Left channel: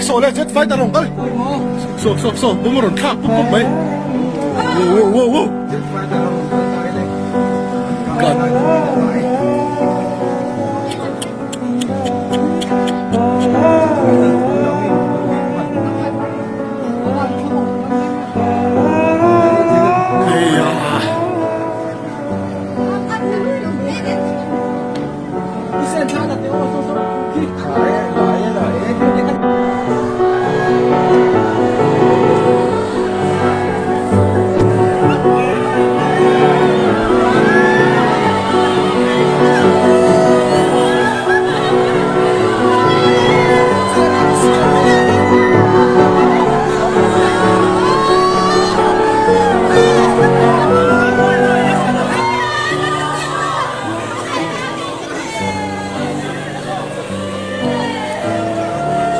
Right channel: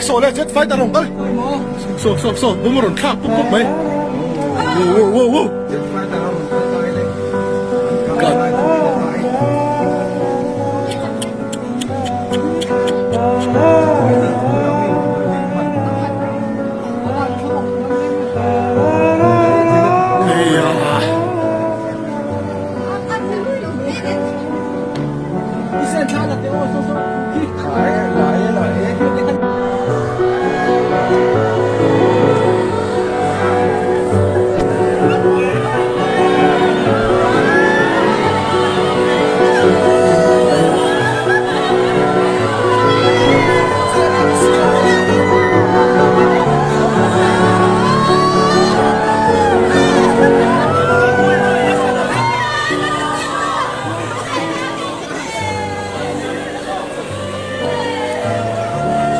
Sole, chết phái ta rồng ơi. Bố rồng khác, bố mấy. Wow. God.